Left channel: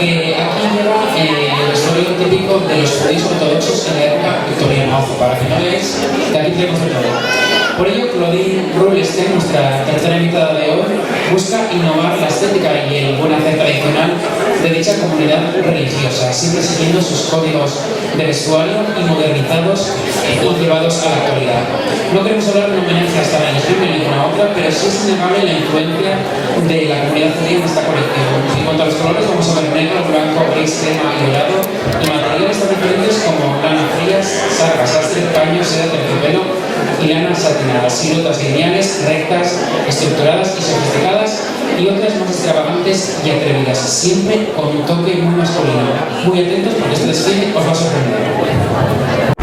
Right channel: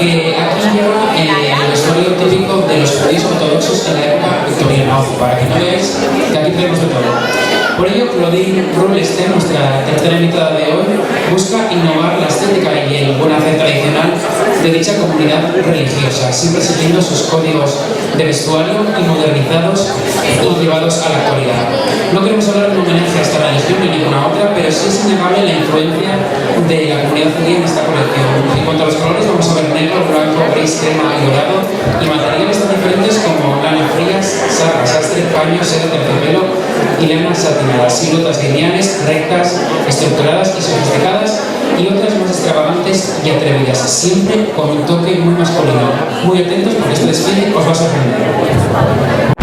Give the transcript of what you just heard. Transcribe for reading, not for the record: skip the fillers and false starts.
porque aquí lleva el vestuario típico de los judíos ortodoxos en la época victoriana, para que no veáis que aquí tenemos de todo. Por ello, Claudine Roulestin, nuestra tercera invitada de hoy, busca innovar la estética y el buen hacer tradicional de dicha comunidad religiosa, siempre siguiendo sus códigos de vestuario y modernizados o llevados a la actualidad. No queremos hablar de un homenaje a esta religión ni ninguna otra, pero sí es innegable la influencia de la comunidad judía en esta colección. En cuanto a los colores, vamos a ver negro, blanco, gris, crema y dorado, y materiales tan diferentes como lana frías, sarga, sastre, paño, seda, terciopelo y lana satinadas, siluetas lineales, rectas, estructuradas y sofisticadas, y otras más extravagantes y atrevidas, siempre con un toque muy masculino. Muy atentos porque este desfile os va a sorprender.